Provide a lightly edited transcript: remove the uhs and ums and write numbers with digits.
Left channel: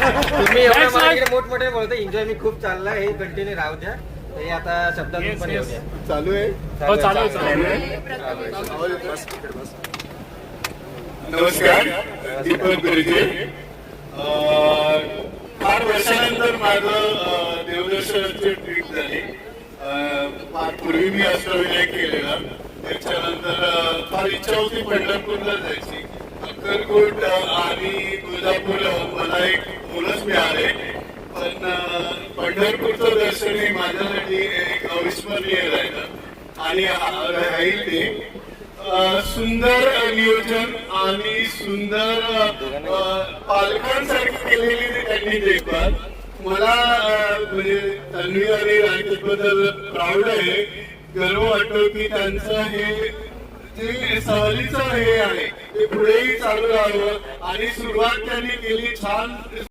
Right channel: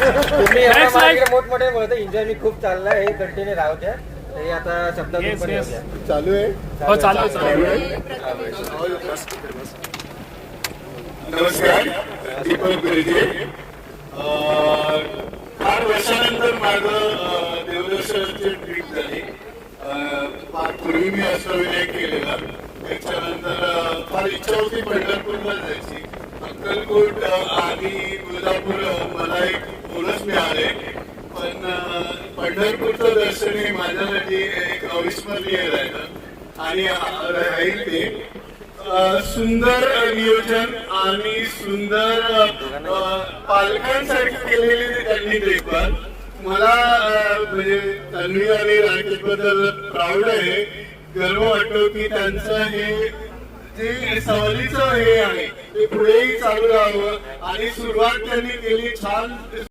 तुम्ही मोठमोठे बोलतो एन्जॉय मी खूप चाललंय हे कंटिन्यू राहू द्या ते आता शब्दातून पण येऊ द्या. चालू आहे. हो चालू आहे. नमस्कार, दीपक बिरगे. 8 वर्षानंतर माझं देवदर्शनाची ट्रिप झाली. फार पूर्वी मी अष्टविनायक केलेला, त्याच्यानंतर फार इच्छा होती पंढरपूरला जायची. अक्कलकोट आणि तुळजापूर मला एक बोनस मिळाले, पण पंढरपूरचं दर्शन हे माझ्यासाठी एक अविस्मरणीय राहिलं आणि राहील ते. सुंदर नियोजन आणि सुंदर पालकांसाठी केलेली त्यांनी देखभाल. मला म्हणजे त्यांनी आणि राकेशबद्दल प्राऊड आहे, गर्व वाटतो की त्यांचं हे जे सहलीचं हे आहे ते पुढेही चालू राहावं आणि सुरुवात त्यांनी केली छान.